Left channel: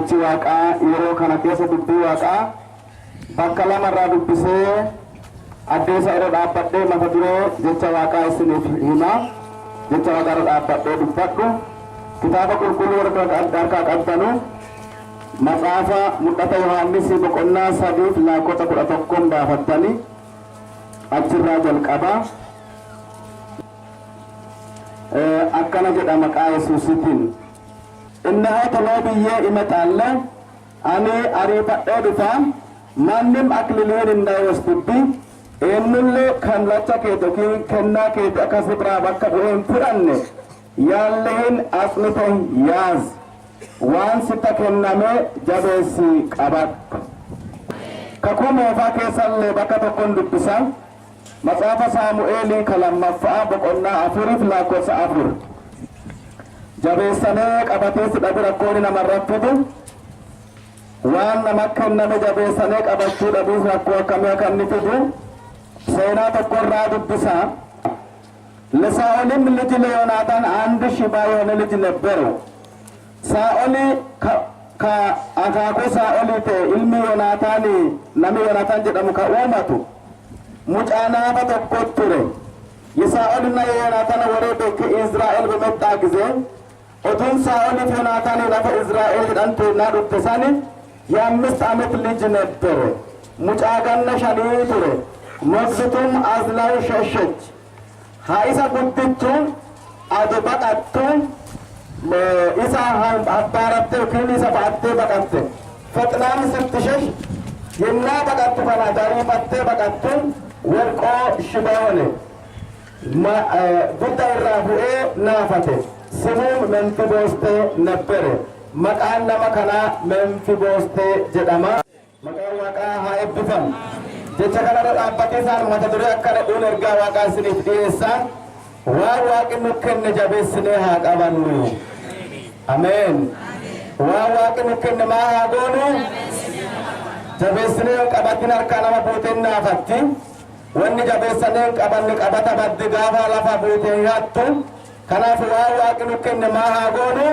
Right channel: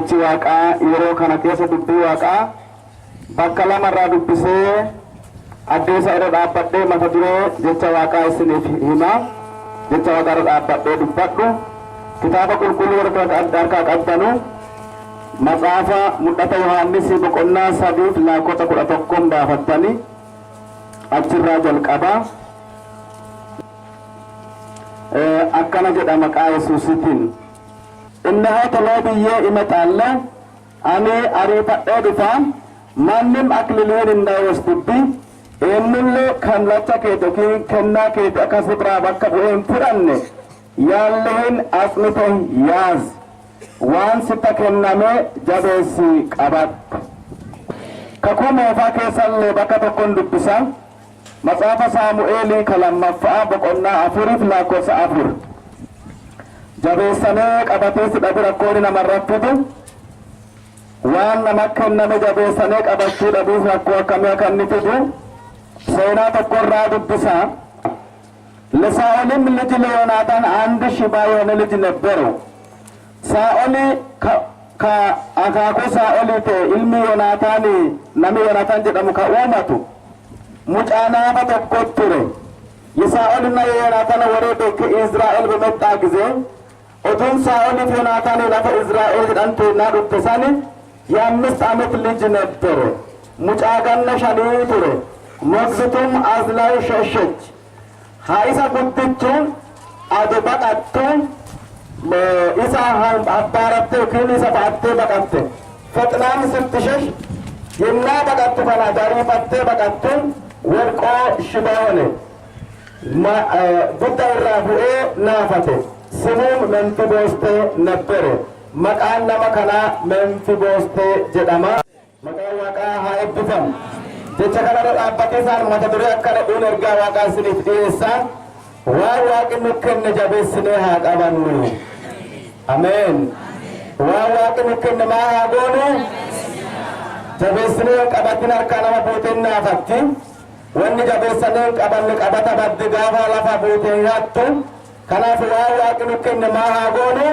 jechi waaqaa yeroo kana keessa dubbii waaqaa bakka lamarraa dubbisee addeessa irra dhaabbadhee mata duree jecha waaqaa isiniif hima. Jecha waaqaa irra dhaabbadhee dubbadhu. Kitaaba qulqulluu warra harkaa qabdanu maxaafa mul'ata yohaannis boqonnaa 3 lakkoofsa 11 baafattanii achirraa jalqaba. akkana jedha maqaa Yesuusitiin. Innahaa toloo biyyee imaxaalla ani ariifadhee dhufa mannim akliliin hindaayostubbi eenyullee kan lacha keeto kennaa keeti akkas biraa bakka bu'een fudhanne yaalleen asmite yaaz waan sitta kenname jabeessi qabadhu. Kakuu moofaa keessallee bakka tokkon dubbisa. Maxaafa Saamu'eelii kalammaffaa boqonnaa 4 lakkoofsa 4. Jabeessinee qabatee sidhabi rakkooni namarratti fidu waan nama kenname jabeessinee qabachuu dhabuuf rakkoo akkamii akka inni fidu seenaa tokkorraa dubbisa. ለሳኦልም ልጅ ለዮናታን አንድ ሽባ የሆነ ልጅ ነበረው። ሳኦል ከአካኮ ሳኦል ኢልሚ ዮናታን ነሚ ዮናታን ጀደሙ ከኡመቱ ሙጫናፈ tokko ture. የሳኦልና የዮናታን ወሬ ከእስራኤል በመጣ ጊዜ ኦቱን ሳኦል ዮናታን ለፈ እስራኤል ዳንቴና ዱተሳኒ የ5 ዓመት ልጅ ነበረ። ሙጫጋና ሻኒ ture። ሞግዚቱም አዝላው ሸሸች። haisa guddittuun ado baqattu isa abbaratte yookiin isa ba'attee baqatte faxnaan sitti shesh yennaa baqattu kana dariifattee baqattuun warqoo shibaane gudda irraa bu'ee naafate simuun Memfiboostee nebbere. Maqaan nama kanaa Memfiboostee jedhama. Maqaan waaqaa haa eebbifamu. jecha kanarra dhaabbatee isaan mata duree akkana dhuun ergaa waaqaa isiniif dhiyeessan waan waaqi nu kenne jabeessinee haa qabannu. Ameen. Waan waaqi nu kenne maa haa goonu jabeessinee qabatin harkaa nama buuteen naafatti wanni jabeessinee qabanne qabata badde gaafa lafa buuteen hattu. Kanaaf waan waaqi nu kenne maa haa goonu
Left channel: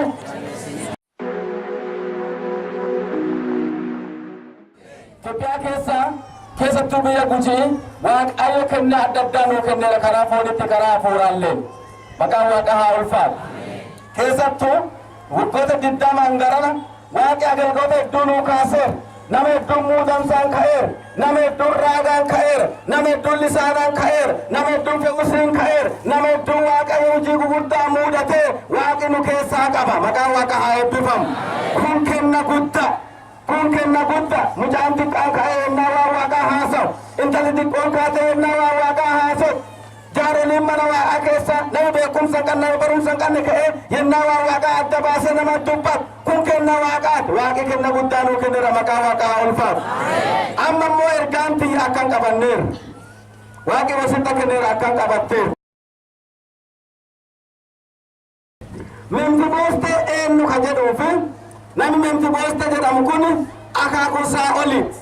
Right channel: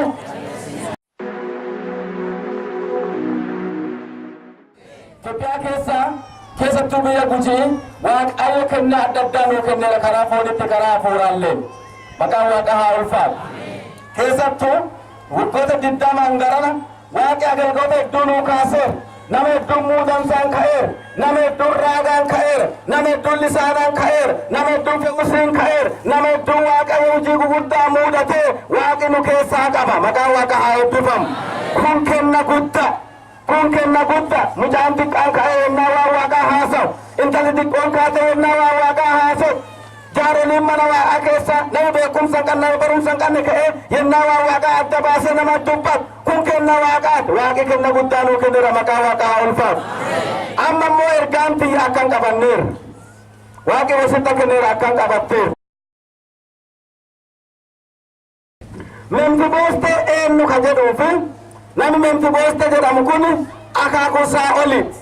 Itoophiyaa keessattuu biyya Gujii waaqayyo kennaa adda addaa nuu kennee karaa foonitti karaa hafuuraalleen maqaan waaqa haa ulfaatu. Keessattuu waggoota 20 garana waaqi agalgoota hedduu nuu kaaseera. Nama hedduun muudamsaan ka'eera. Nama hedduun raagaan ka'eera. Nama hedduun lisaanaan ka'eera. Nama hedduun fe'usiin ka'eera. Nama hedduun waaqayyo hojii guguddaa muudatee waaqi nu keessaa qaba. Maqaan waaqa haa eebbifamu. Kun kenna guddaa. Kun kenna guddaa mucaan xiqqaan ka'ee yennaa waan waaqaa haasawu intalli xiqqoon kaatee yennaa waan waaqaa haasawu jaaroliin mana waaqaa keessa nama beekumsa hin qabne nama barumsa hin qabne ka'ee yennaa waan waaqaa adda baasee nama dubbatu kun kenna waaqaati. Waaqi kenna guddaa nuu kenneera. Maqaa waaqaa haa ulfaatu. Amma immoo ergaan tiyya akkan qabanneera. Waaqi wasitta kenneera akkan qabatteera. Memfiboostee eenyu ka jedhuufi namni Memfiboostee jedhamu kun akaakuu Saa'oliiti.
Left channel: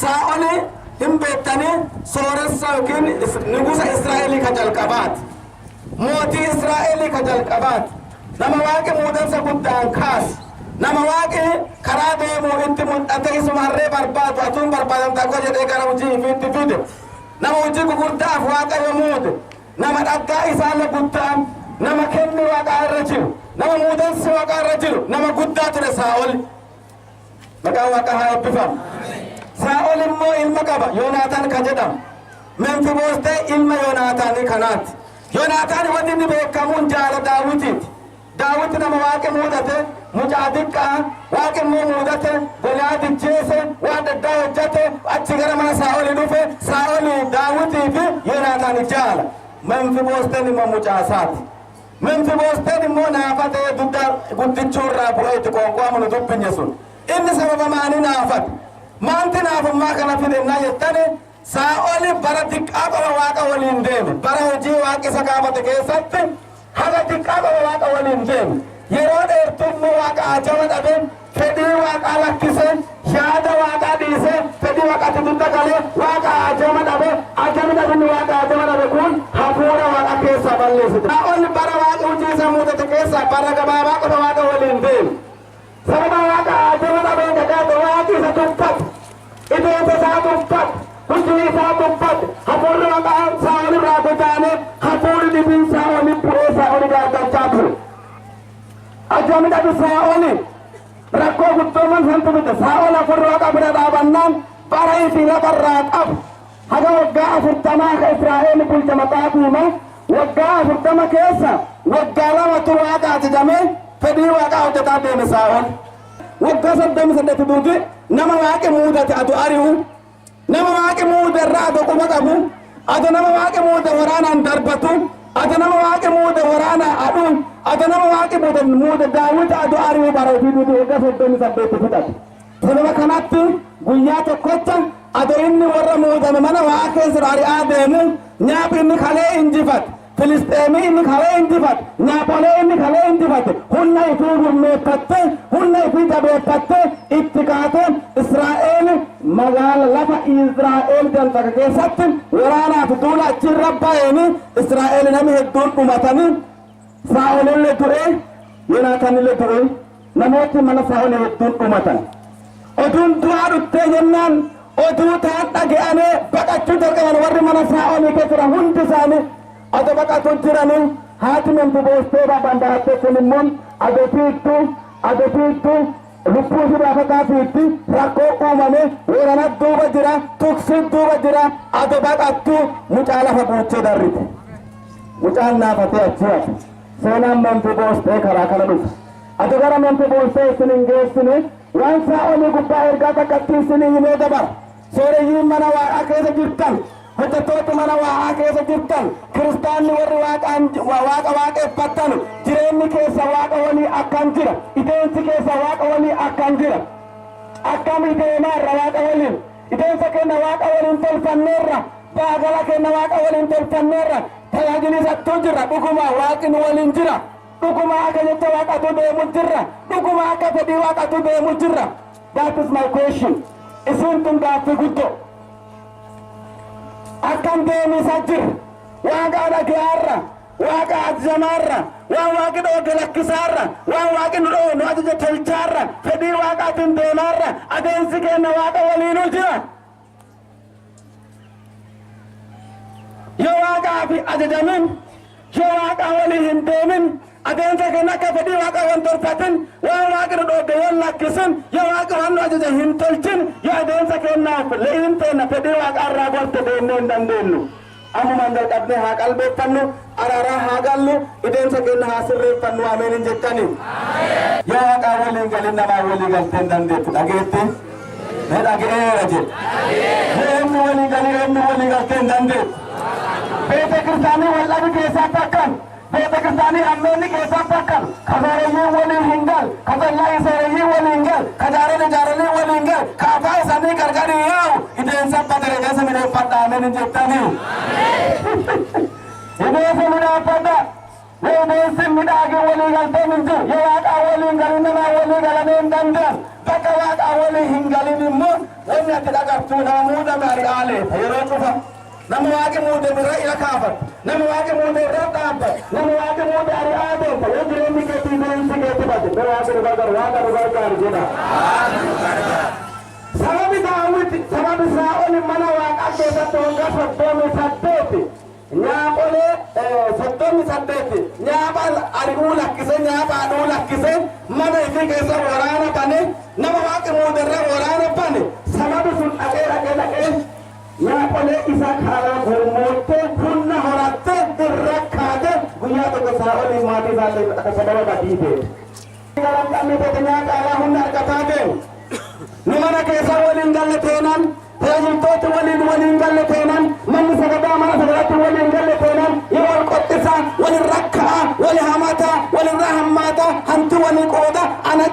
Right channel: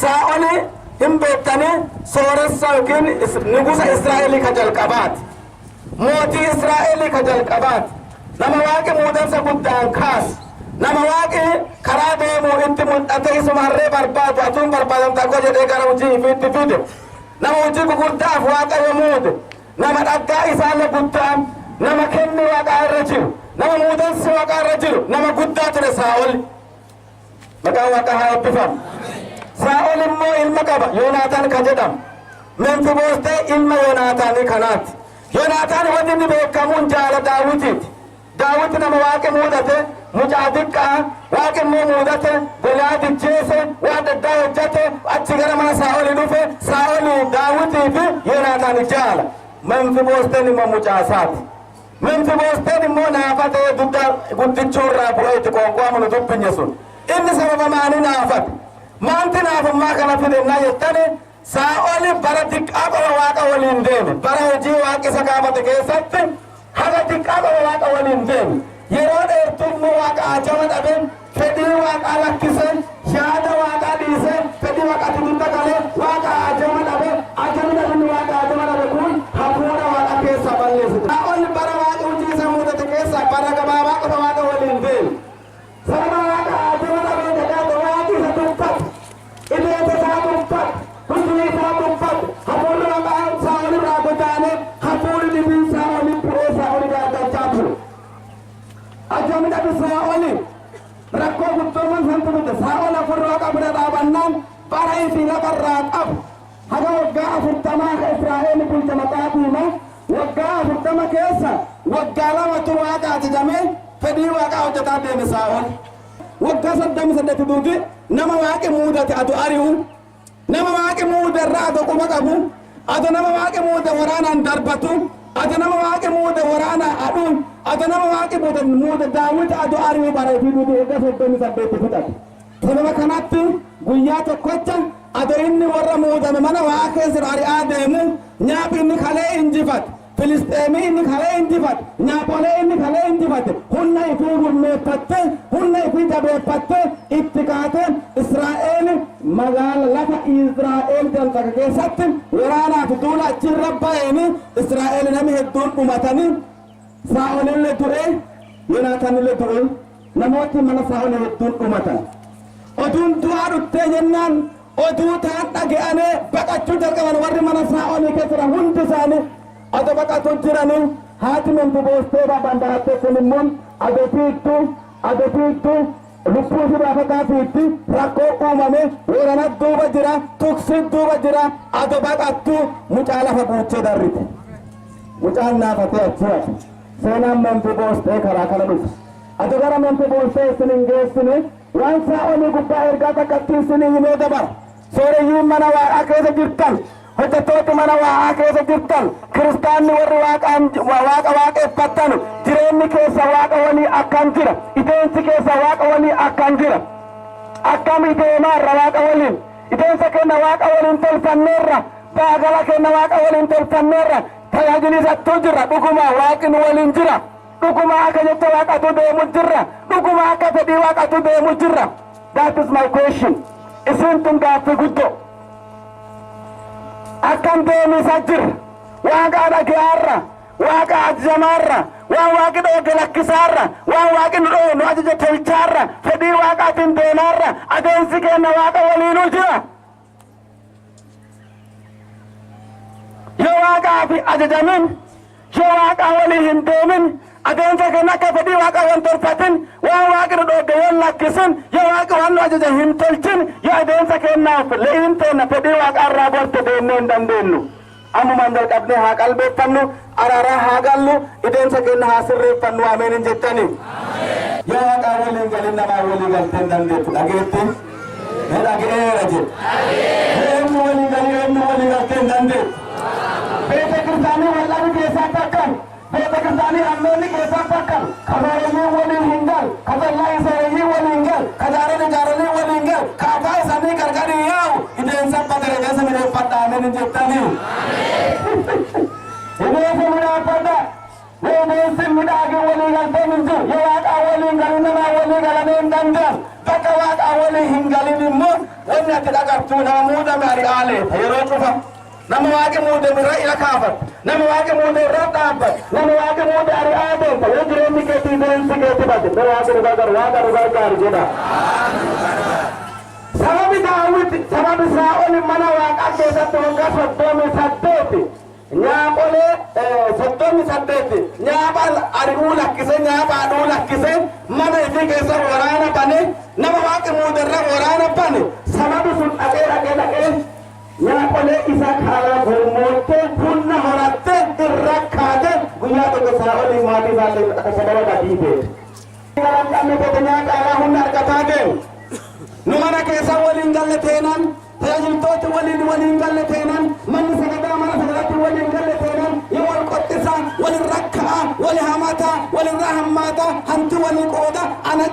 Saa'oli hin beektanii sooressa yookiin nugusa Israa'elii ka jalqabaati. Mootii Israa'elii ka jalqabaati. Nama waaqi muudansa guddaan kaase. Nama waaqi karaa deemuu itti mul'ate isuma harree barbaadu atuun barbaadamta akka jedhee gara hojii ifiitti fide. Nama hojii gugurdaaf waaqayyo muude. Nama dhaggaa isaallee guddaan nama kenni waaqaa irra jiru. nama muudansi waaqaa irra jiru nama guddaa ture Saa'ol. Maqaan waaqa haa eebbifamu. Saa'ol immoo ilma qaba Yoonaataan ka jedhamu. Memfiboostee ilma Yoonaataanii kanaati. Yoonaataan wanti inni beekamuun jaala Daawitiiti. Daawit nama waaqi muudate mucaa xiqqaa waaqi immoo muudate Goliyaad ajjeese waan addaa hojjate achi gara mana Saa'olii dhufe Saa'olii Daawitii fi Yoonaataan jaala. Memfiboosteen immoo mucaa isaati. Memfiboosteen immoo naafatee guddichuurraa bu'ee itti qoonqoomu dubbinye sun. Inni sababa maanii naafate? Maanti naafummaa kana fidennaa jettani Saa'oli bara xiqqaa qaba waaqa waliin deeme. Bara hojii waaqi isa kaafate keessatti haga xiqqaa qaba waaqa waliin deeme. Yeroo dheertuu waaqa ajaba dhabe fedhii waaqaa lakkise yaada waaqaa dhiise fedhii waaqatti dudda galee waaqa ajaba dhabe ajabni waaqa ajaba dhabe kun hafuura waaqa keessa balleessite. Saa'oli bara waaqa hojii isa muudate keessa bara gabaabaa qofa waaqa waliin deeme. Sababa waaqa waaqa Saa'ol irraa godaane hafuuri dhibiin Saa'olii bu'ee Saa'olii gaaggalchaa ture. Ajoomidha Saa'olii rakkoo guddooman santu bite Saa'ol afur waaqa bira dhaabannaan barii fi lafarraa qabu haga waggaa 40 ka Israa'el bulcha maxaafiima waggaa 40 keessa waggaa lamatu waaqa ajajamee fedhii waaqaa hojjetaa deeme Saa'ol. Waggaa 38 duuti nama waaqi muudate adu ari'u nama waaqi muude irraa adu quba qabu adu nama waaqi muude waraanaan darbatu adu nama waaqi muude waraanaa adhu adu nama waaqi muude daawwiti adu ari'u bareetii duuti waggaa 38 fudhate. Sababa kanatti guyyaa tokkocha adu inni warra muudame mana waaqa keessa ari'aa deemu nyaaphi inni kalee injifate. Filisxeemii inni kalee injifate nyaapolee inni kalee injifate hunna ifii gurmeeffatte hunna ifii jabeeffatte itti kaate Israa'eel magaala lafa Israa'eel jalqaba keessatti waraanaaf duula achirra ba'eeni Israa'eel namni hedduun dhumatanii Saa'olillee du'e Yoonaatanillee du'e namooti mana Saa'ol hedduun dhumatan. Oduun du'aa dhuttee jennaan oduu taan dhaga'anii baqachuu jalqaban warri mana Saa'olii keessa jiran hundi isaanii ado baqatu jirani haati Memfiboostee babandaate kunimmoon ado fiittu lubbuu fi baafataa fiitti rakkoo uumame warana duuba jira tuksi duuba jira ado baqattu mucaa lafa buuchee darrite mucaan naafatee achi hafe seenaan Memfiboostee karaa kana dhufe ado gara Memfiboostee isin hin geessine waan Saa'olii gubbaa ergaa takkatti isin himee dabara sooreyyiin mana waaqaa keessa jirtan hojjettooti mana waaqaa keessa jirtan kiristaanni warri waaqa waaqeffattan jireenyi keessa waaqa walii akkan jira ideensi keessa waaqa walii akkan jira akkam ideenaarra waaqa waliin ideensa kenna waaqa waliin tolfanneerra baagala kenna waaqa waliin tolfanneerra tajaajilisattuu jirra dhuguma waaqni waliin jira dhuguma akka jette waaqatu deemu jirra dhuguma akka fedhii waaqatu deemu jirra. That is my question. Isin tun gaaffii guddoo akkam deemisa jir waaqa dhagaarra waaqa ajjamaarra waan waaqi dhooge lakkisaarra waan waaqi nu ajaja tolchaarra fedhii waaqaatiin deemaarra adeemsi kenna waaqa waliinuu jira. Yoo waaqaa fi ajajamin yoo waaqa walii hin deemin adeemsa kenna akka fedhii waaqa waan tolfatin waan waaqi nu dhooge waan lakkisin yoo waaqa waan nu ajaja hin tolchin yoo adeemsa kennaaf leeyin teenna fedhii waaqa irraa golte deemnee hin dandeenyu. Ammumaan jalqabnee haa qalbeeffannu araaraa haa gallu adeemsa kenna haa sirreeffannu ameen hin jettani. Yoo waaqa waliin galin namaa walii galtee hin dandeettu dhageetti dhaga'eera jedhe eenyu walii galii eenyu walii galtee hin dandeettu. Beete kiristaanii wal'abi keessatti akkam beete kiristaanii ammeenni keessatti akkam kasooreyyiin waliin hin gal kasallaa isooreyyiin waliin gal kajaareen ijaaranii waliin gal kaafaa isaanii gargarii yaa'u ideensa badere keessa mineeffadha ameen hin jettanii. Ideensa mineeffadha ideensi midhaagii walii galtee hin jiru yoo waaqaa waliin galin namaa walii galamee hin danda'an bakka waaqaa walii hin galin immoo wanni ati dhagartuu nama muudame ari'aalee yeroo cufa. Nama waaqi muude irra ila kaafat nama waaqi muude irra dhaabbat nama waaqi muude ari'aa deemta yoo jireenyi keetii deemsi keetti bade bara waaqa nu gargaaru jedha. Sababi Daawit sababi Saa'ol mana waaqaa keessatti waggaa 38 nyaapolee 38 nyaapa ari'uu lakkise nyaapa aduu lakkise mana ifii keessa waraana bane nama waaqi muude irra waraana bane sababi sun dhaqee nyaapolee isa karaa gurmoottee hunna horatte irra kaate guyyaa tokko Saa'olii maatii isaallee akka sababa badii ta'e. Garan qabne ta'e nyaata alaa hunna argataa deemu. Nu mana keessa waliin galle teenan tajaajiltooti waliin galle teenan manni sagadaa mana sagadaatti waliin galle teenan yoo wal qoxxisa walin rakka'a wali hamata walirraa hammaata hanti walii qooda ana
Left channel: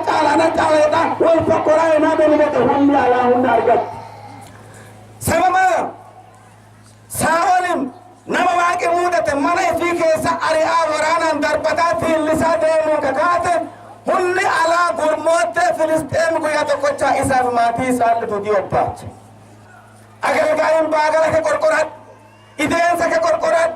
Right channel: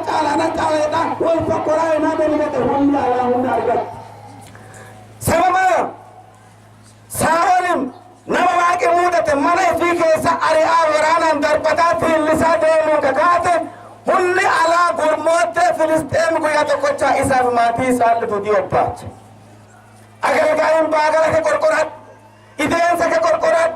caaleedha wal fokkoraa enaa deemate hunni alaa hunna argatu. Sababa Saa'olin nama waaqi muudate mana ifii keessa ari'aa waraanaan darbataa fiillisaa deemuu kakaate hunni alaa gurmoottee Filisxeem guyyaa tokkochaa isaaf maatii isaa lituutii obbaache. Agargaayin baagala ke qorqoradhu ideensa ke qorqoradhu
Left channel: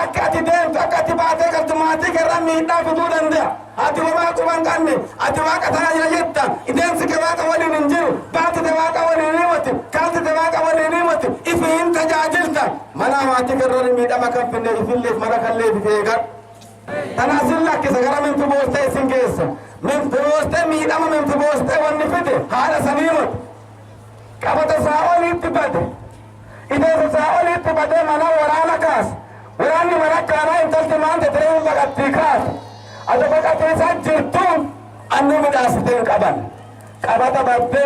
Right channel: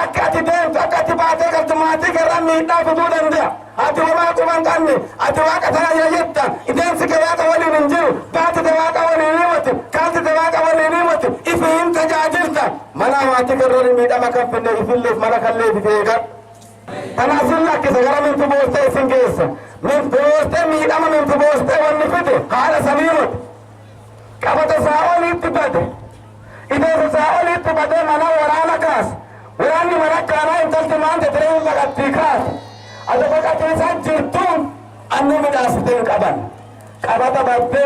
akka ati deemtu akka ati baatee galtu maatii kerraa miidhaa fiduu danda'a. Ati homaa quban qabne ati waaqa tajaajila jetta ideensi ke waaqa waliin hin jiru baatite waaqa waliin himatu kaaltite waaqa waliin himatu ifi hin tajaajilta mana waati kerrori miidhama kan finne ifilleef mara kallee fifeegan tana asin lakkisa gara mintu boostee isin geessa mintu boostee miidhama mintu boostee wanni fide haadha saniimot qabata saa'oliitti bade ideessa saa'oliitti bade mana waraana kaas waraanni mana kaanaa intalti maante tiree baqattii kaas ado baqatiisaa jirtuun anni midhaasiteen qaban qabata badde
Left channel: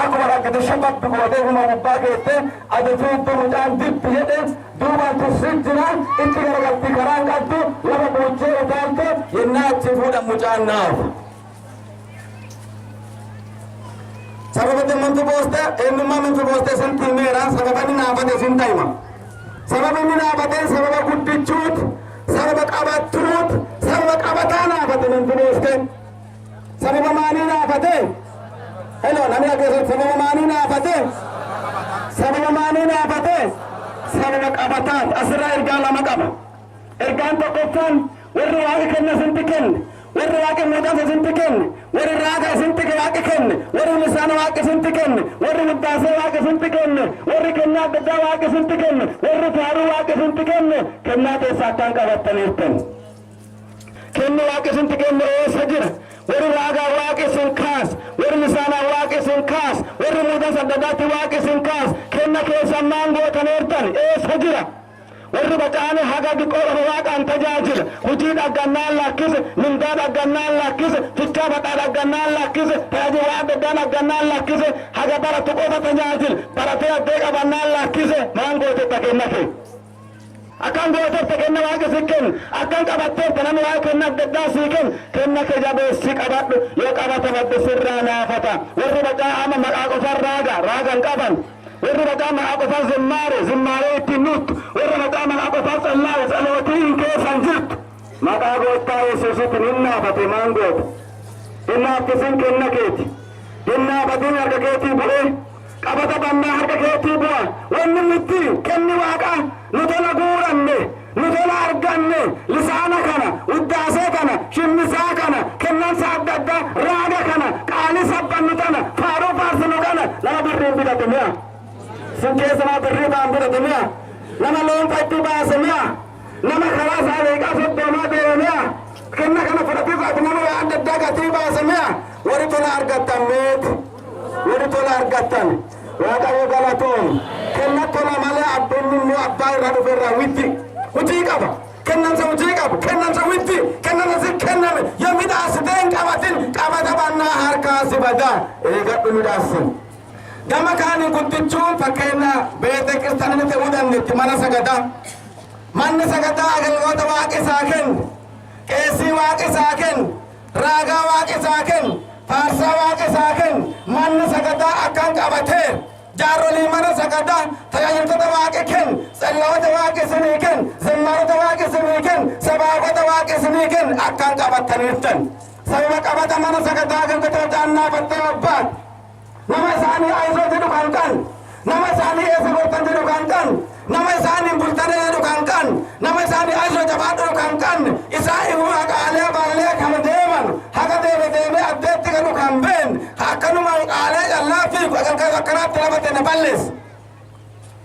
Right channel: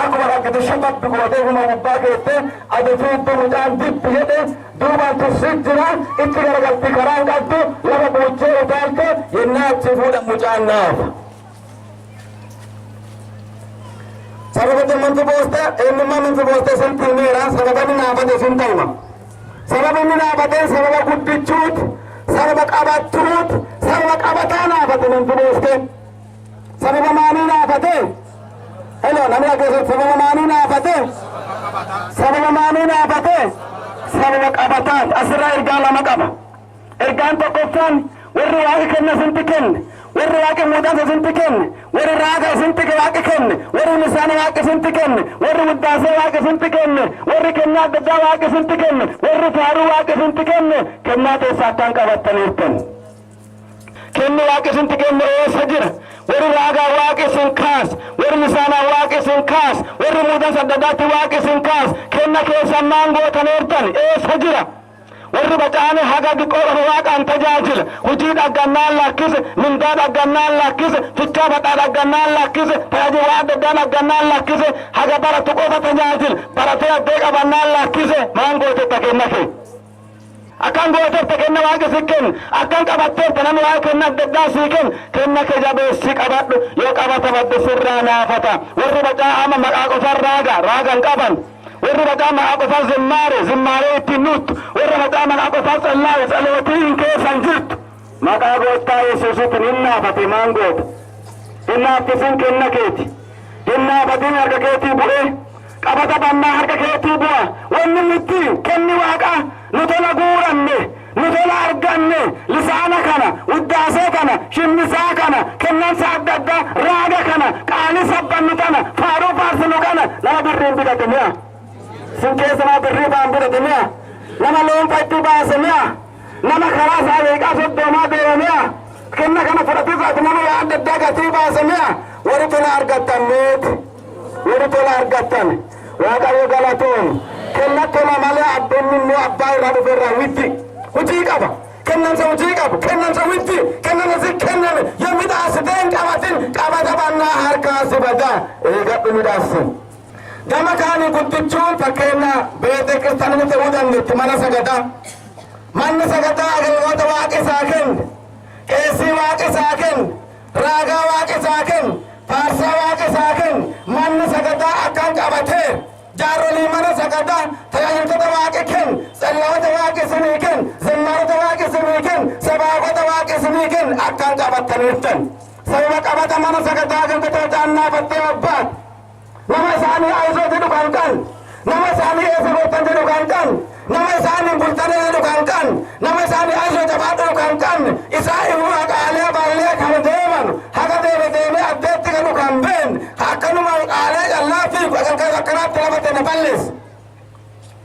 akkuma rakkate shababbi gootee huma gubbaa keette ado fiiddu mucaan dibbi jedhe duubaan tursiit jira itti garagaltii karaan qabdu lafa boochee utaalte yennaa achi fuudha mucaan naafa sababa mantu booste eenyummaa mintu booste isin tiimeera sababa inni naafate isin ta'ima sababa inni naafateen sababa guddichuut sababa qabattuut sababa qabataa naafate mintu booste sababa maanii naafate hello namni akeessa sababa maanii naafate sababa maanii naafate sababa qabataan asirraa ergaa lama qaba ergaan tokkoffaan warri waaqi kenna isinti kenne warri waaqi muudasa isinti kenne warri raaga isinti waaqi kenne warri lisaana waaqi isinti kenne warri wuddaasee waaqi isinti kenne warri kennaa adda addaa waaqi isinti kenne warri faaruu waaqi isinti kenne kennaa keessaa akkaan qabattaniirtan kenni waaqi isinti kenne eessa jira warri raagaa waaqi isin kaas warri lisaanaa waaqi isin kaas warri muudasa adda addaatti waaqi isin kaas kenna keessaa maan gootaniirtan eessa jira warri baqaane haga diqoo waaqaan tajaajila hujii dhaggannaan lakkise mindaa dhaggannaan lakkise fichaa badhaa dhaggannaan lakkise tajaajila waa adda addaa dhaggannaan lakkise haga baratu qofa tajaajila baratee addee qabannaan lakkise maan gootetta kenna kee akkan gootetta kenna waaqa si kenna akkan qabatteetta nama waa kenna adda addaa sii kenna kee jabeessi qabadhu yoo qabata badde sirraa naafata warri baqaa ama maqaa qofaan raagan qaban warri baqaa maqaa qofaan zimmaaree ittiin nuttu warri baqaa maqaa qofaan tsalootii hin keessan jirtu maqaa goottaa yesuusitti hin naafate maan goota hin naaftisin kenna keeti hin naafatin harka keetii bu'ee qabata bannaa harka keetii bu'a wanni nutti kenni waaqaa nu tola guuranne nu tola arganne lisaana kana uddaasee kana shimmisaa kana kennansa adda addaa raaga kana qaali sabbannu kana faaruu faarsinu kana nama birriin bidate mi'a sin keessa nama birrii baan bidate mi'a nama loonfa itti baase mi'a nama karaa isaa beeqaa soddoomaa deeme mi'a kenna kana fudhatisaati nama waa adda addaa gatii baase mi'a warri tola argattan meeti warri tola argattan waaqayyo galatoon kenna tola malee abbeenni immoo abbaa irraa dhufe irraa witti hujii qaba kennansa hujii qabu kennansa witti kennansa si kenname yoo midhaasiteen qabatin qabata bannaa harkaa si badaa eegadhu midhaasin gama kaanii guddichuun fakkeenya beete kiristaanini ta'uu dandeetti mana sagadaa manni sagadaa agalmoota waaqi isaa kenne qeessii waaqi isaa kenne raagaa waaqi isaa kenne faarsaa waaqi isaa kenne manni sagadaa akkan qabatee jaarolii mana sagadaa tajaajiltoota waaqi kenne tsallaa'ota waaqi isinii kenne zimmaarota waaqi isinii kenne sabaabota waaqi isinii kenne akkan qabattaniirtan sababa qabata mana sagadaa agaltoota annaafattee abbaat nama isaanii aizoo jedhu kan nama isaanii eessa goottan jedhu kan nama isaanii bultanii jedhu kan nama isaanii aizoo jabaadhu kan isaa immoo haqaalee baallee kan deeman haga deeme addeetti galu kan been akkanuma qaalee callaa fi akkanaatti lafate na ballees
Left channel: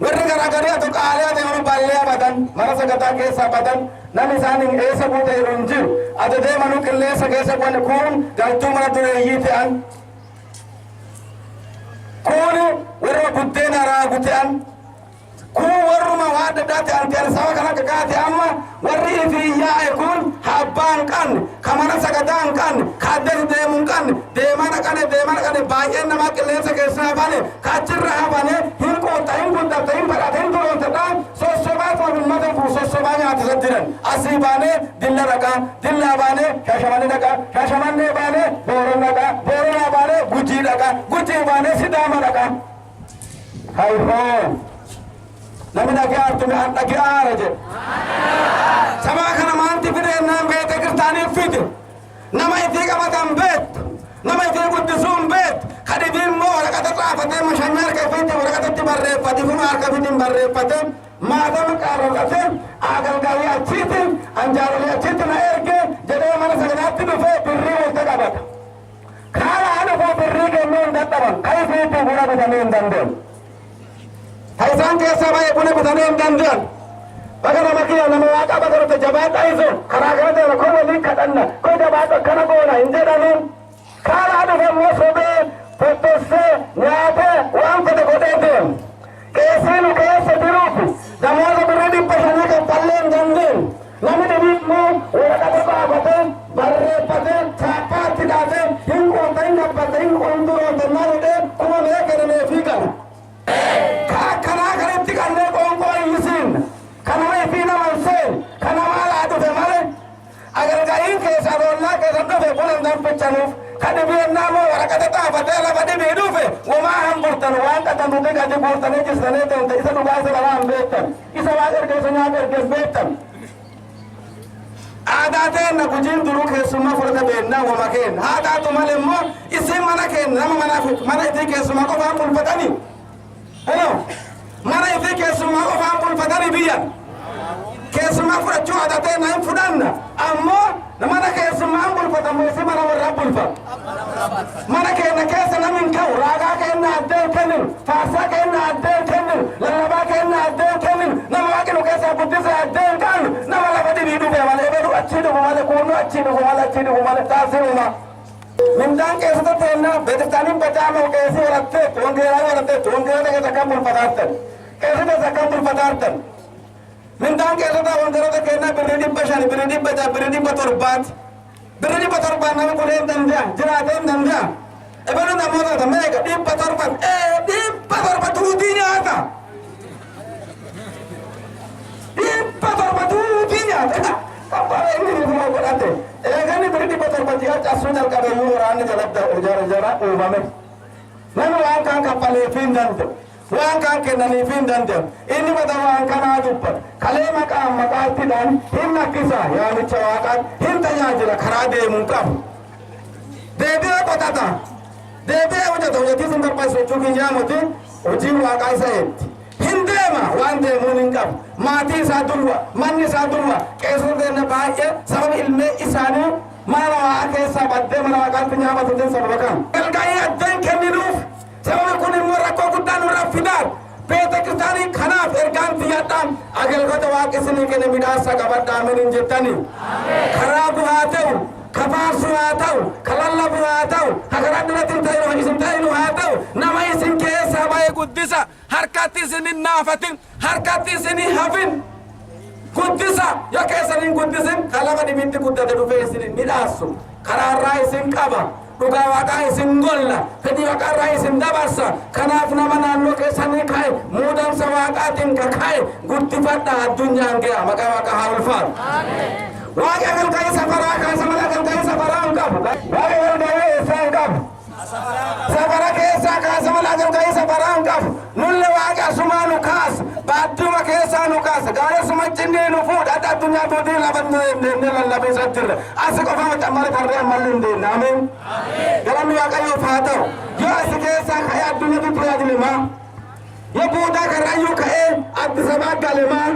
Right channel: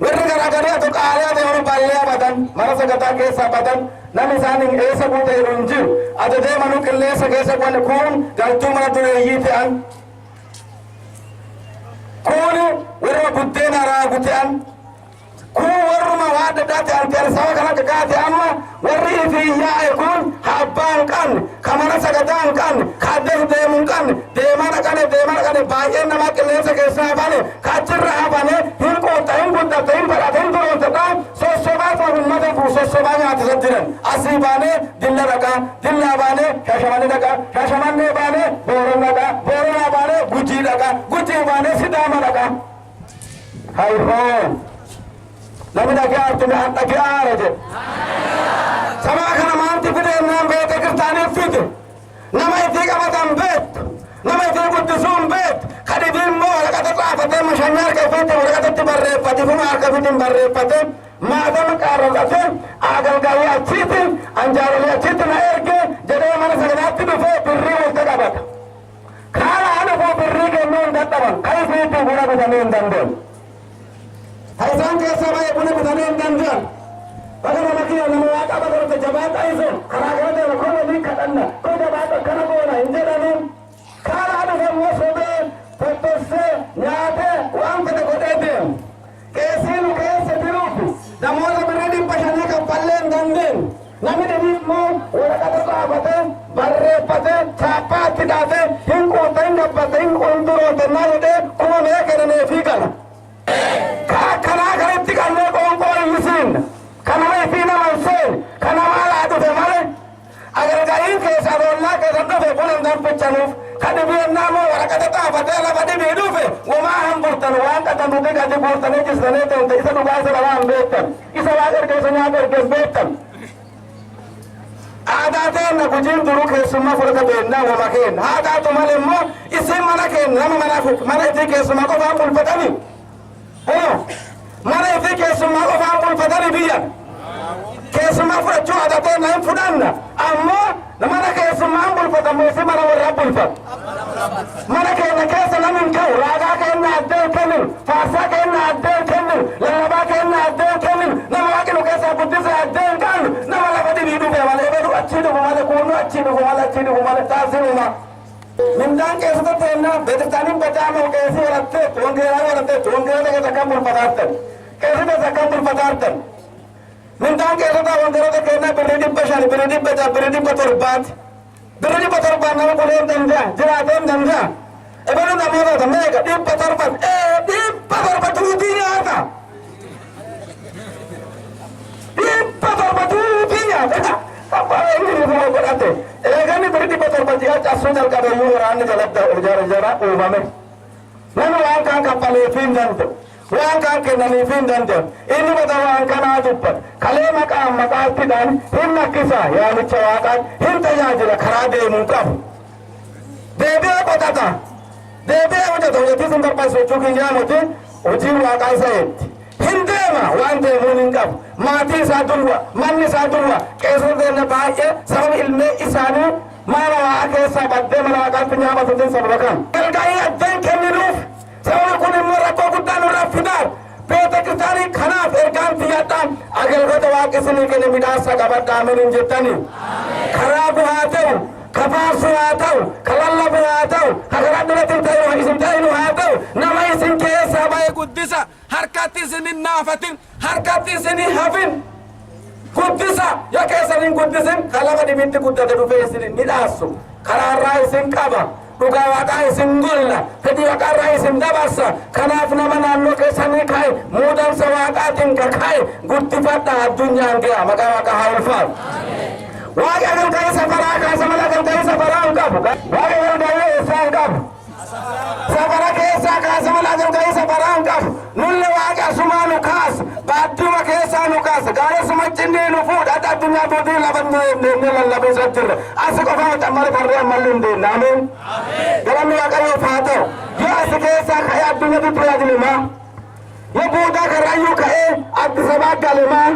warri garagarii atu qaalee deemu ballee badan mana sagadaa keessaa badan namni isaanii eessa buute jiru hin jiru atu deemanu qilleessa keessa wanni kun galtuu mana dureeyyii ta'an kuni warra buddeena raagu ta'an kun warruma waa adda addaa ta'an ta'an saba kana kakaate amma warri ifii yaa'e kun abbaan kan kamana sagadaan kan kaaddes deemuun kan deemaa dhaqane baay'een namaa qilleensa keessaa hafane kaachirra hafane hin qoota hin guddata hin badhata hin duroomtadha sossobaa uummata kun sossobaa nyaatisa jiran asii baanee dilla dhaqaa dillaa baanee shaashamannee dhaqaa shaashamannee baanee booron dhaqaa booronaa baanee gujii dhaqaa gujii baanee sidaama dhaqaa hayfoon namni dhagee artume an dhagee aara jedhe sabaa kana maanti fideenaan beete kiristaaniif fide nama itii qabatan beettu nama itii guddisuun beettu kadhibii immoo waraqata xaafatee mashanyaa harka ifiitti waraqatatti barreeffate fuma harka ifiitti barreeffate maatama qaarraqate agalgalii achiitti anjaarolee achiitti na erge jedhee mana sagadaatti dhufee birrii walitti qabata kaala dhufuu birrii kennuu hin dadhaban ka ifiitti buna bitanii hin dandeenye isaan keessaa baay'ee buna bitanii hin danda'an Baga nama kiyya nama waaqa baga jabaadha iso karaa kana deema koo walii kadhanna koo jabaadha akkana goona hin jedhaniin karaa dhufammoo sobee tottosee nyaatee waan fedhe godhee deemu qeessiin keessa jiruufi namoota birrii 500 kaffallee hin dandeenye namni dhibimmoo waraqata baafatee barreeffatee chaappaatti dhaatee hin qoota hin gabbate hin quldurootannaa jedhee kuumee kennee fi gala karaa kanatti kannee qoonqoo iyyisiin kanama fi nama seen kanama laa dhufe malee agargaa'iin keessa boollaa keessa dhufe kunan danfichanuuf kadhibiennaa moo waraqata xaafatee lafa dhibii dhufe womaa hambultan waan qatantuti gadi buurtanii jistanii deemte isa dhugaa isa dhabaa hin beektan isa waan ergeessa nyaata ergees beektan aadaa teenna gujiin duruu keessummaa fudhata beennaa wama kenna haa taatu malee immoo isin mana kenna nama mana itti keessummaa qofaan bulfatanii mana itti keessummaa qofaan bulfatanii biyyan keessummaa fudhachuu aadaa teenna hin fudhanna ammoo mana keessummaan bulfatamu isi mana warraa bulfatu mana keenya keessa namin ka'u raagaa kenna addeen kennin faarsaa kenna addeen kennin lallabaa kenna addeen kennin nama waaqinu keessaa guddise addeen qaannu nama lafa dhibii dhufe malee bedu achii dhufu malee kuunnu achii dhufu malee achii dhufu malee taasifuma mindaan keessatti teenna beektaniin bajaamoo keessi waratteetti wangeelaa waratteetti wangeelaa keessa kan bulfataartan keessi keessa kan bulfataartan mindaan keessatti wangeelota kenna birrii 500 birrii 100 birrii 700 birrii 700 nama kuleen danda'a jiraateen danda'a ebenu namoota meeqa 700 tuutii nyaata 700 tuutii nyaata abbaa inni nama godhate eegani birrii 700 ji'a casuu jalqabeeyyuu waraanni jalatti jara uumame nama waan kaan kaffaleef hin danda'u waan kaan kennaniif hin danda'u inni bada waan kanaa dubbata kalee maqaattiidhaan hin nakkisa yaamicha waaqaan hin tajaajila karaa deemuu qabu deebi'ee qotata deebi'ee hojjeta hojjetii sun barbaachisu jechuu kiyyaa muti hojiin waaqaa isa eetti hin deema waan deemuun hin qabu maatii isaa durwa manni isaa durwa qeessota deemna baay'ee sababa ilmee isaanii mana waaqaa keessaa baddee mana waaqaatti nyaabatuutiin sababa kan galgaa'ii addeen kenninuuf sababa kun immoo rakkoo guddaa nurraa fidaan beeta kiristaanii kanaaf ergaan fiyyadhaan agalgota waaqessinii kenne midhaasa qabadhaa miniin jettanii karaa bu'aa ta'u kafaarsu haa ta'u kalallabu haa ta'u hakaraa duratiin ta'inu isin ta'inu haa ta'u nama isin keessaa baay'ee guddisa harkatti isin hin naafatin harkatti isin hin hafin guddisa yoo keessan hin guddisin kalama dhibitti guddate dhufee isin hin midhaasu karaarraa isin qaba dhugaa waaqaa isin golla fedhii waaqarraa isin dabarsa kanaaf nama naannoo keessanii ka'e muudansa waaqaatiin ka'e guddifadha addunyaan ga'a maqaa waaqaa haa ulfaatu waaqi agalga'ii safaraa kaasa mala agalga'ii safaraa hin qabu waaqi agalga'ii eessaa hin qabu safara keessaa kaasa mala agalga'ii safaraa hin qabu nulle waaqi asumaa nu kaasa baadduma keessaa nu kaasa gaaressuma cinnii nu fuudha adda addunyaa tuutii lafa lallabee sattirre asi qofa macammare tarree ammalli hin deemne ameen galanni waaqayyoof haa ta'u yoo asi keessaa ka'ee addunyatti tajaajilimaa yoo buudaa karrayyuu ka'ee Addis Ababaa galemaa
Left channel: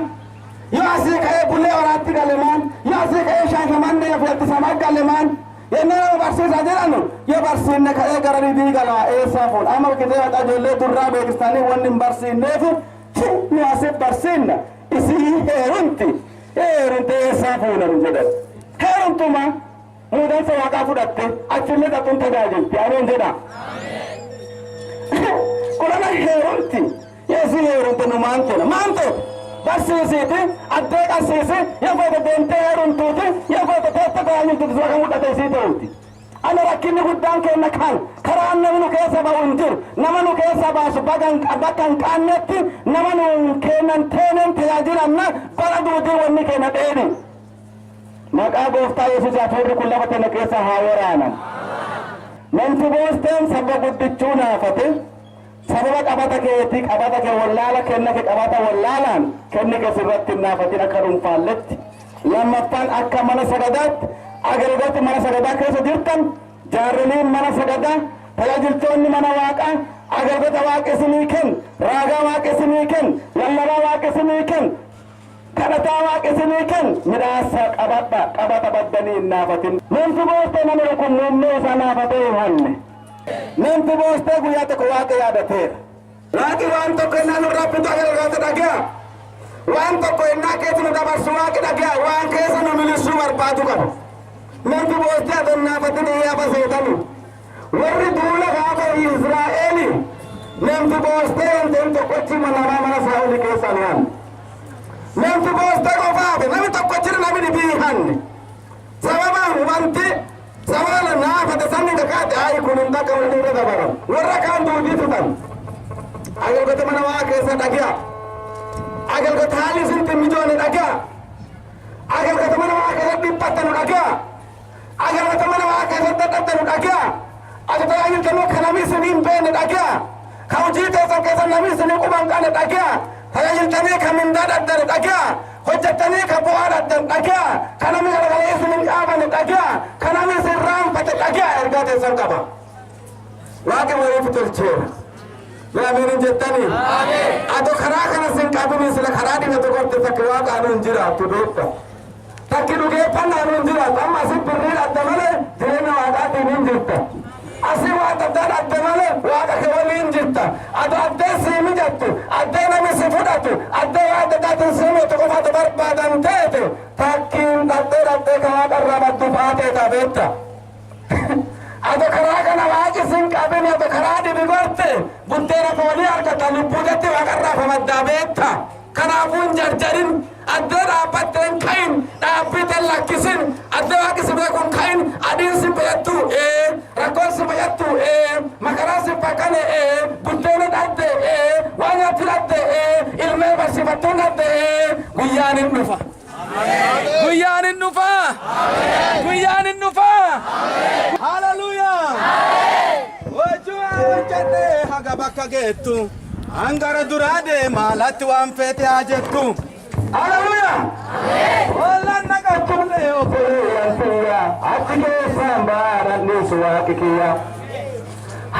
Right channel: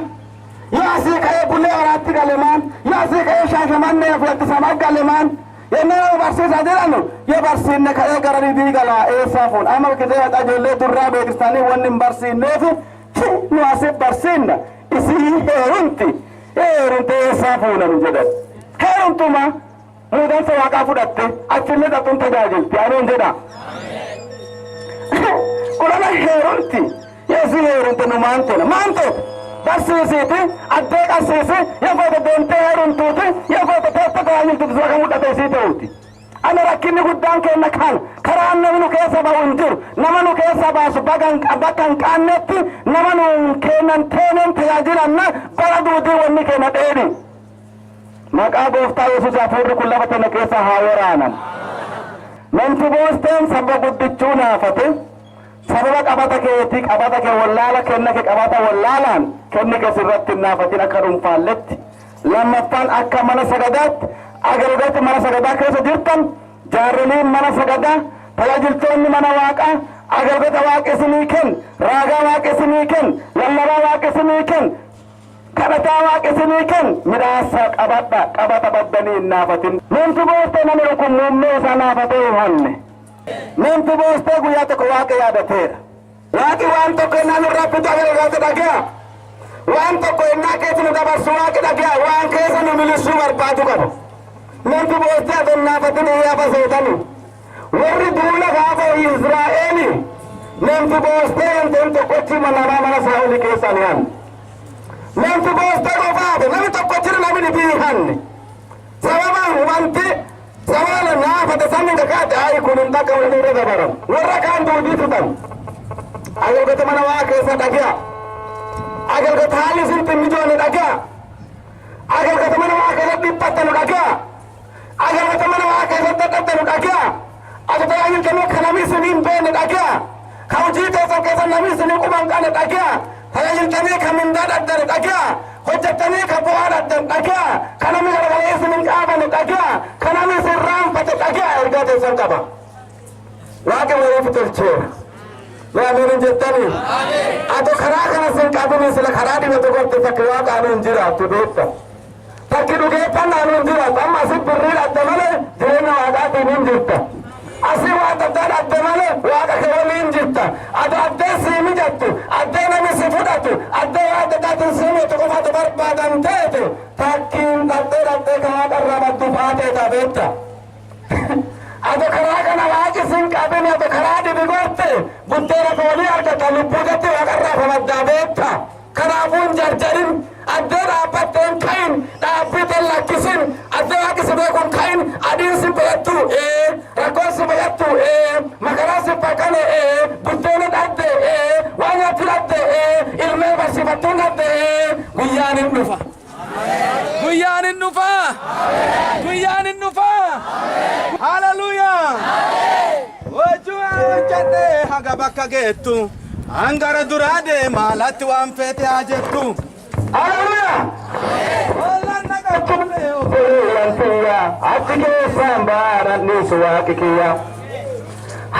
yoo asii ka'ee Bulee Horaatti galemaan yoo asii ka'ee Shaashamannee fi Addis Ababaa galemaan yennaa nama barsiisaa jedhanu yoo barsiinne ka'ee gara ribii galaa eessaa fuun amma kitee haxa ijoollee durraa beeksistaanii wanni hin barsiinneef nu asiif barsiinna isii heerumti eessaa fuunaru jedhan heerumtuma muudansa waaqaa fudhatte achillee xaxuun tajaajilti anuun jedha kulana heerumti yeesii heerumte nu maantoona maantoota barsiisiiti addee qabsiisi yoo feete deemtee heerumtuuti yoo feete teessa tajaajiltuuti sura kan mul'ate isii ta'uuti ana rakkinni guddaan kenna kan karaan namni nu keessa ba'u hin jiru nama nu keessa baasu bakka hin qaannetti nama nu kennan teeneen tajaajilanna bara duutii wanni kenna dheedhi maqaa gooftaa Yesuus hafuurri kun lafa tana keessa haa waraanan namti boosteen saba guddichuu naafate sababa qabata keetii qabata kee wallaala kenna kee qabata wallaalaan kenni kee sirratti hin naafatin akka dhuunfaalletti lammaffaan akka mana sagadaatti agalgoti mana sagadaa keessa jirtan jaarroliin mana sagadaa tajaajiltoonni mana waaqaa agalgota waaqessinii kenn raagaa waaqessinii kenn lallabaa waaqessinii kenn kadhataa waaqessinii kenn midhaasa qabata baddanii hin naafatin namti boostee namni kun muummee isaa naafatee hin hanne namti boostee guyyaa tokko waaqa yaadateera waaqi waan tokko innaan irraa bitu agalgota dhagaa waan tokko innaa keessa nu dabarsu waaqi dhagaa waan keessa nu milisuu barbaadu qaba. Namni boostee adonnaafatin iyyafa seetani warri duula gaafa Israa'eeli namni boostee wanteen tokkochi namaa mana Saa'olii keessa ni hanne. Namni boostee qofaafe namni tokkochi namni ni biihanne sababaan wanti sabala naafate sanni kakaate ayi kun hin takka waliin irra dabaran warra kaan duudii tutan agalgota mana waa keessa dhagaa agalgota haali sinti mijoone dhagaa agalgota mana waa keessa dhiphattanu dhagaa agalgota mana waa keessa dadhabdanu dhagaa ati tajaajiltanuu ka namni isiniin beene dhagaa ka hojii keessan keessa namni isinii quban qane dhagaa tajaajiltanii ka mindaa dhaddane dhagaa hojjettanii ka bu'aa dhaddan dhagaa ka namni garagalee isiniin qaabane dhagaa ka namni isin raanfate dhagaa ergaa teessan qaba waaqi waliif tolcheera yaa amiin jettanii ado karaa kana sin qabini sila karaa dhibatu gorte takki waaqa anu hin jiraattu beekta takki dhugeeffannaa anu hin jiraattu amma asit birrii dhadda malee jireenya waaqaatiin hin jirta asii waan addaa dhadda malee waaqa kee waliin jirta ado addee sii mijattu addee namni si fudhatu addee waan addaatiin sii mitu qofatu barbaadan teete takkiin dhaddee ka waaqa irraa baddu faateeta beekta ado karaa kana waaqi sin qabini ado karaa dhibi gorte buddeena foolii argata lubbuudatti waaqa irraa famaddaa beekta kanaafuu hin jarjarin addee dhaabbatteen kayin dhaabbiteen lakkisin addee waaqi si beekun kayin adiin si beektu rakkoon si beektu makaraa si bakkane buddeena dhadde waan nyaatti dhadde ilmee barsiifattuun dhadde guyyaan hin dhufa guyyaan hin dhufa guyyaan hin dhufa haleluuyaa wajjuu hojjadhe haga bakka geettu angara duraa deema latti waan feete haa jettu haleluuyaa ollaan naqachuune obboleeyyan kiyya achi keessaan baadhadhiisu waaqi kiyya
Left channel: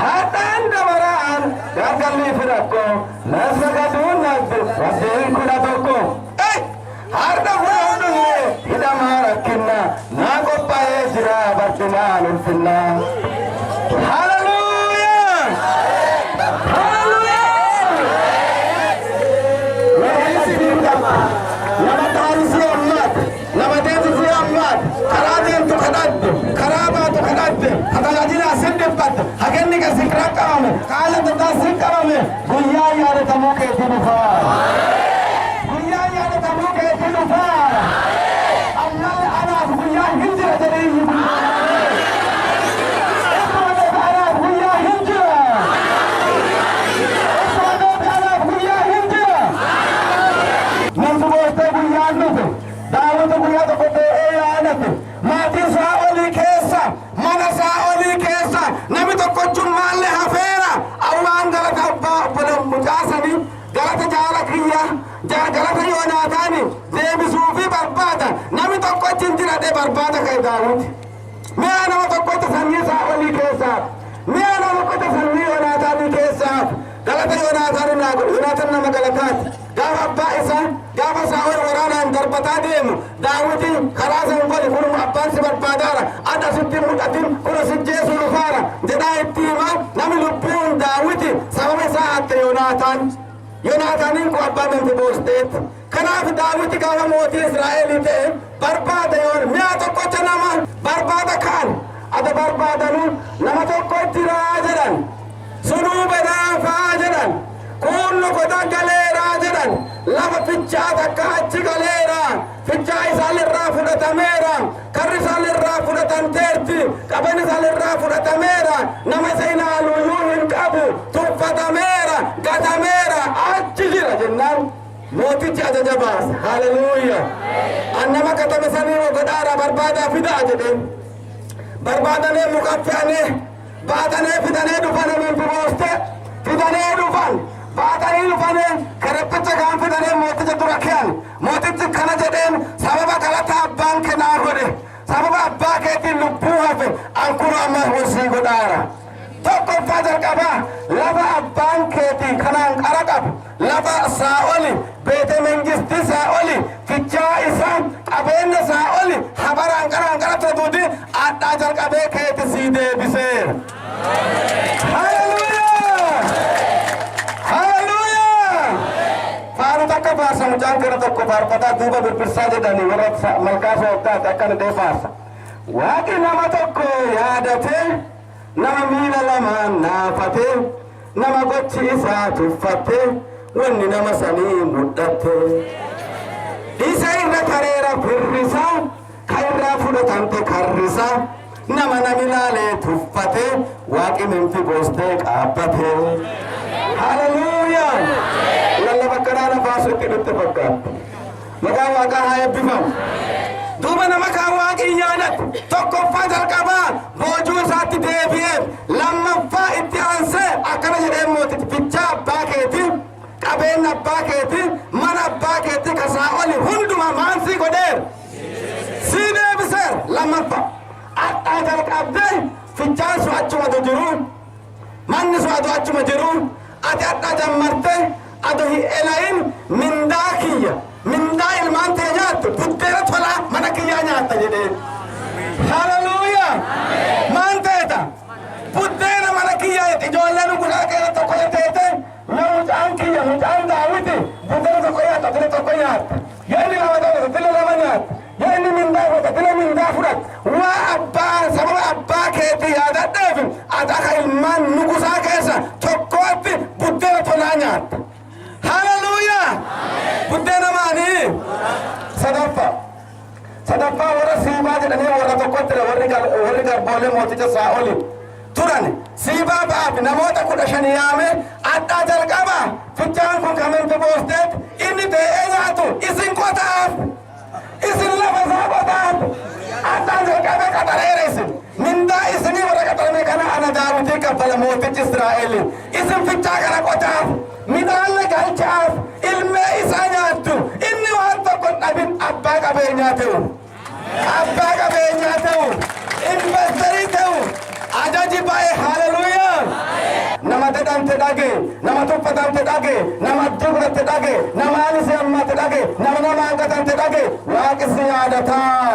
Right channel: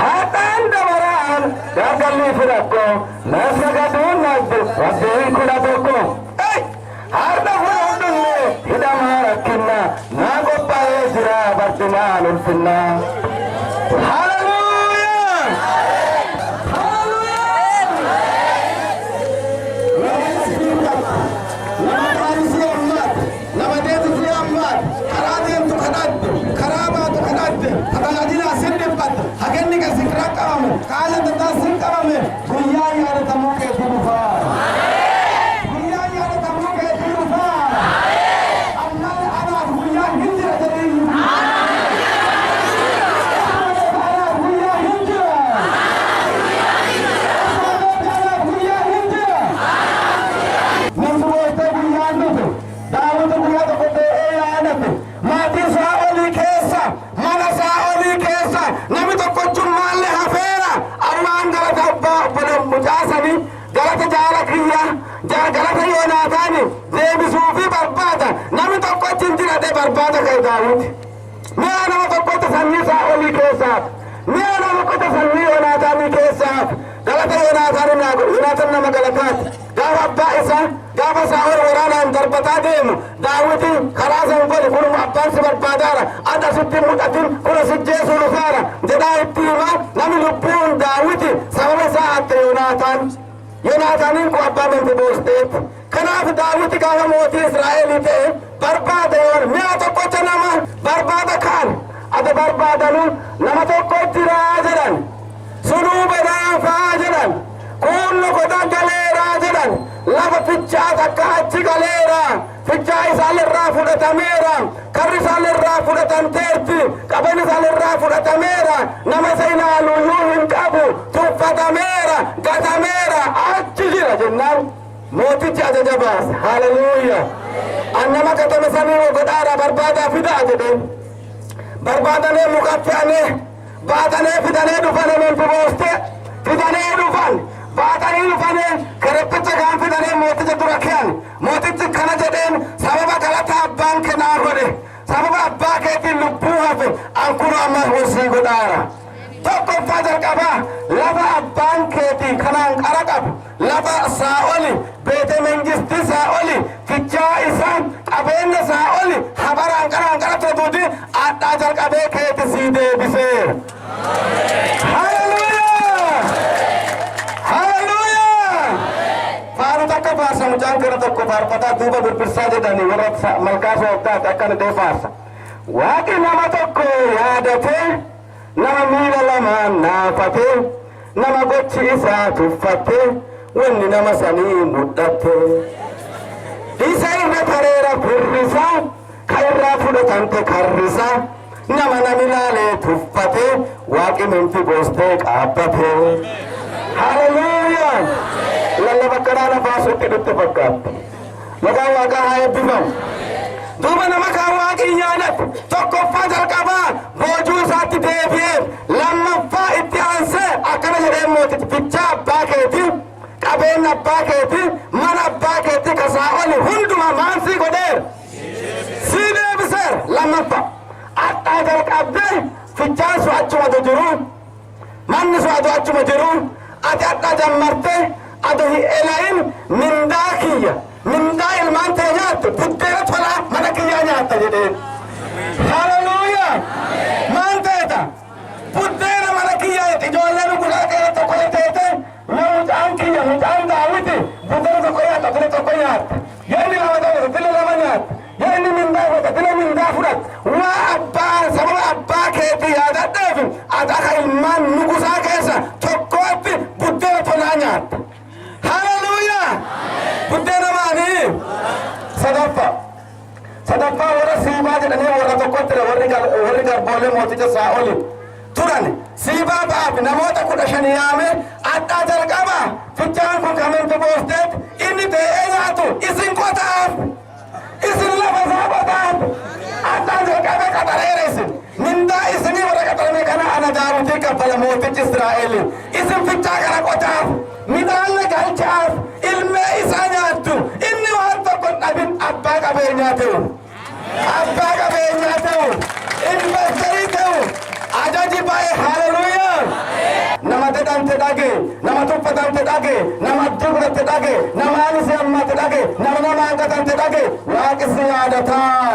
haadhaan dabaraan gargalli fidhakko nasa gaduun nabdu rabbiin kudha tokko harda fuudhunne hidhamaa rakkinna naa qophaa'ee jira barcumaan ulfinna haleluuyaa nama taarisi ammaat nama deetisi ammaat karaa deemtu kadhadde karaa baatu kadhadde hatajaajila asin dhibbatte hagenni ka sikra qabame kaala daddaa sin qabame guyyaa yaadatamuu keetti dhufaa guyyaa yaadatamuu keetti dhufaa ammallee anaaf guyyaa hin jira jedheenyi maatiin Saa'olii keessa mana Saa'olii keessa namni tokkochuun maallee hafeera awwaan galata abbaa obboleeyyan mucaasanii galata jaala kiyya galata Yoonaataani deebisuu fi barbaada namni tokkochi hin jiradhe barbaada ka'e Daawiti mi'a nama tokkotti sanyii Saa'olii keessaaf mi'a nama tokkotti sanyii Yoonaataanii keessaaf galata Yoonaataan nama galataati gaafa abbaa isaa gaafa Saa'ol waraanaan darbataa deemu Daawiti karaa sanfali kunuma abbaan si barbaadaara adda sitti mul'atin kuna si jeesuu dhufaara jedhaa itti hima namni lubbuun Daawiti sababa isaa hatte Yoonaataaniin kun abbaa Memfibooshteeti kanaaf Daawiti gaafa mootii Israa'elii ta'e barbaada yoon mi'a tokkocha nama barbaada kaan ada barbaadanu nama tokko jiraa jedhan sunuu badaafaa jedhan kunno goda galeeraa jedhan lafa fichaa takka achi galeeraa fichaa isaalirraa fudhatameera karri isaalirraa fudhatamteerti qaban isaalirraa fudhatameera nama isa ilaaluyyuu hin qabu tuffatameera gatameera achi jira jennaan mootichi ajaja baase haleluuyaa annama gatame sanii godhaara barbaadaa fidaa jedheen barbaadanii muka fe'anii baatanii fidanii dhufanii Memfibooste fidanii dhufan baatanii dhufanii kereppicha kan fidanii mooticha dura ke'an mootichi kana jedheen sababa galata abbaan kennaa godhe sababa abbaa keetiin lubbuu hafe ankunu amma horsii godhaara tokkoffaa jalqabaa lafa abbaan keetii kanaan qara qabu lafa Saa'oli beete mengistii Saa'oli fichaa isaa qabeenya Saa'oli habaraan qara tuduudi addaa jalqabee keeti sii deebiseera haleluuyaa haleluuyaa faanu takka faarsa mucaan kana tokko faarfataa duuba birbirsaa jedhanii warra malkaa sooftaati akkana deefaarsa. Waaqi nama tokko yaadatee nama miila lamaan naafatee nama gochi isaa tuffatee wanni nama sanii mudhattee. Isa irra tareera firrisaa ka irraa fudhatamte karrisaa nama namilaalee tuffatee waaqi minfi boostee qaabbatee. Hallelujah! Lallaba kanaana baasutti dhutte fakkaatti. Maqaan waaqaa haa eebbifamu. Duuba nama kaan waaqii yaadatu tokkoffaa jalqabaa boojuu isaatti deebi'ee lammaffaa itti aansee akkana jedhee mootichi fichaa abbaa keetii qabeenya abbaa keetii mana abbaa keetii kasaa oli hundumaa maansii godheera sii deebiseera. Lammaffaa addaa jalqabdee fichaan sun achuma jiru manni sun adu achuma jiru ati addaa jammartee adu hin elayin mindaa kiyya mindaa ilmaan ta'e nyaattu buddeena tolaa mana kiyyaa nyaatta jedheen. Hallelujah! Maan ta'eta buddeena mana kiyyaa ijoolleen gudaa keessa tokko teete yoo mucaan kiyya mucaan daawiti buddeena tokko nyaatta dile tokko nyaatta yoo inni lama ta'e dile lama nyaatta yoo inni mindaa fudhata dile mindaa fudhata waa abbaa sababa abbaa keetii yaadadheef ati akka ilmaan nugusaa keessa tokkootti buddeena tolaa nyaatta. Hallelujah! Buddeena maanii? Sadaffaa warra siibaa jedhanii warra tokkotti warri garboolee mooticha Saa'ol turan siibaa ba'aaf namoota 15 yaame addaa jalqaba fichaan kun kamitti boosteet inni ta'ee nyaatu isin qotaaf isin lafa isaa qotaaf addaa jalqaba qaxareera isin mindaa isinii warra qaxarame kana ana Daawitii kaffala mootichi Israa'el isin fichaa kana qotaaf midhaan galchaaf ilmee isaa nyaattu inni waan tokko dhabin abbaa qabeenyaa ta'u investerii ta'u ajaji baay'ee. Hallelujah! nama dadhamte dhage nama tuffatamte dhage nama addii godhatte dhage nama aanisi hammate dhage nama hangatante dhage waaqisi yaadataa.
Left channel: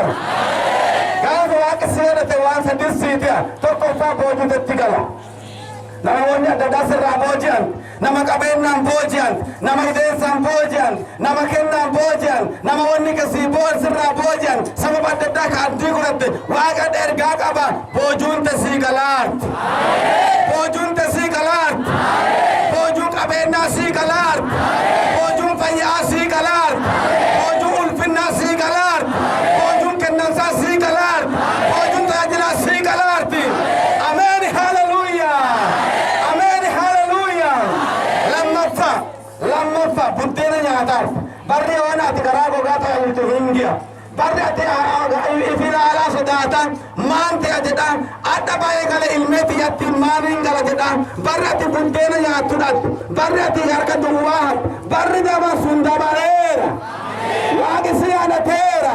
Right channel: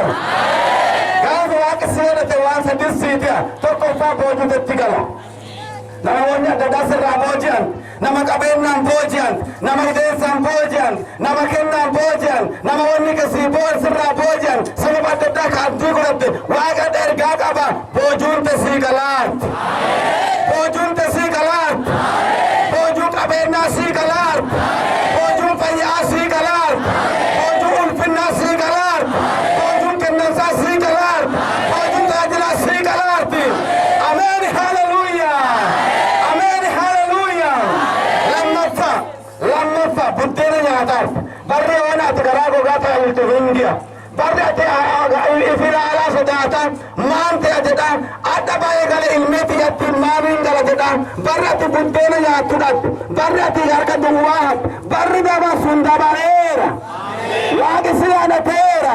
Gaafa waaqisi yaadate waan sadisiitiya tokkoffaa boojuutetti gala. Nama wanni adda addaa sirraa booji'an nama qabeenyaan booji'an nama hidheessaan booji'an nama kennaan booji'an nama wanni kasii sirraa booji'an sababa adda addaa ka addii godhatte waaqa ergaa qaba boojuun tasii galaatti. Boojuun tasii galaatti. Boojuun qabeenyaa sii galaatti. Boojuun fayyaa sii galaatti. Boojuun ulfinnaa sii galaatti. Boojuun kennansaa sii galaatti. Boojuun tajaajilaa sii galaatti. Ameen. Hallelujah! Lammaffaa buddeena nyaataaf barri waan ati garaa gogaa ta'uutu hingiya barri ati ifilaalaa sodaatan maan ta'e jedhaan adda baay'ee gala ilmeeti yattiin maaniin gala jedhaan barri ati buddeena nyaattuudhaatti barri ati harka duwwaa barri dabarsuun dabareera waaqi si yaadateera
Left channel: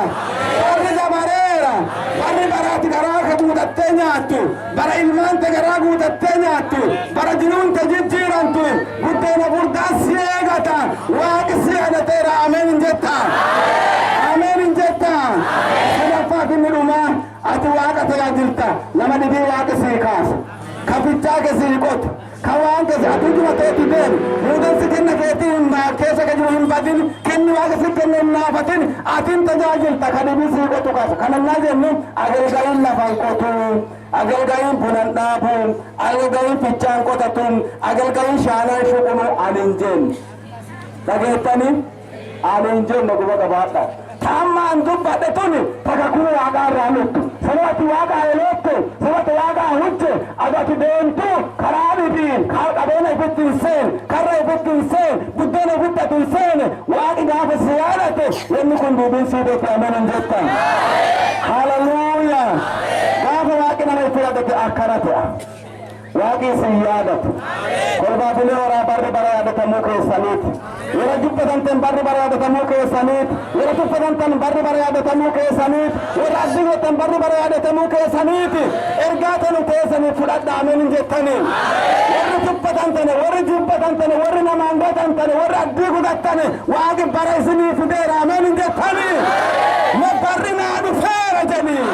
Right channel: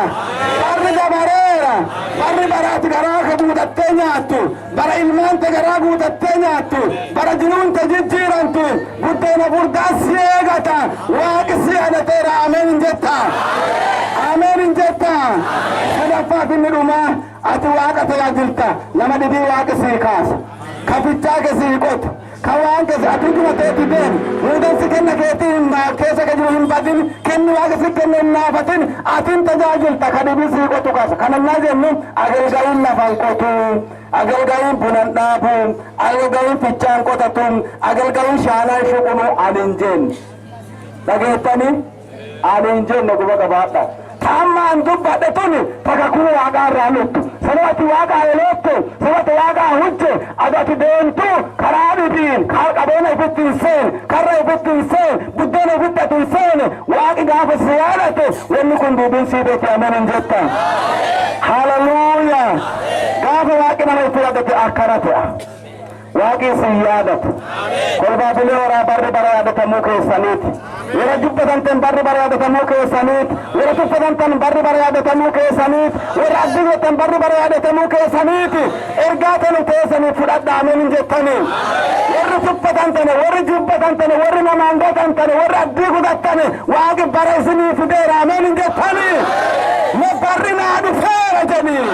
barri dabareera barri bara ati garaa ka guutattee nyaattu bara ilmaante garaa guutattee nyaattu bara jiruunte jijjiirantu buddeena furdaa si eegata waaqi si yaadateera. Ameen hin jetta. Ameen hin jetta. Sadaffaa finni dhumaa ati waaqa tajaajilta nama dhibii waaqi sii kaasa kafichaa ke sii qotu kawaan ke ati juma teeti deem muudan si kenna keetiin keessa ka jiru hin badin kenni waaqa si kenna hin naafatin atin tajaajilta ka dhibii sii qotu kaasa kanannaa jennu agalgayin lafan qotu agalgayin bunan dhaabu agalgayin fichaan qotatu agalgayin shaanaan shuqunu anin jennu dhageettani anin jennu guba qabaadha. Tammaan dubbadhe tuni takakuu waaqaa irraa luttu sababati waaqaa eleettu sababati waaqaa hujje adati deemtu karaa dhibiin qabeenya ifitti hin seen karra ifitti hin seen buddeena ifitti ati hin seen waaqi gaafa si yaadate wanni kun duubiin sii beekti. Ameen hin jettan. Hallelujah! Gaafa waaqi nama itti yaadate akkana ta'a. waaqii sin yaadatu kolbaafilee horaa barri bara yaadatamuu keessaniiti yeroo dubbatantan barri bara yaadatamuu keessaniiti yeroo tuffatantan barri bara yaadatamuu keessaniiti yeroo addunyotan barri bara yaadatamuu keessaniiti ergaa tanu keessaniif fudhadhaa ameen hin jettanii warri tuffatantane warri jubbatantane warri namaan gatantane warri addii gudattane waaqi bara isinii fideera ameen hin jettanii ma barri naa dhufeera jedhii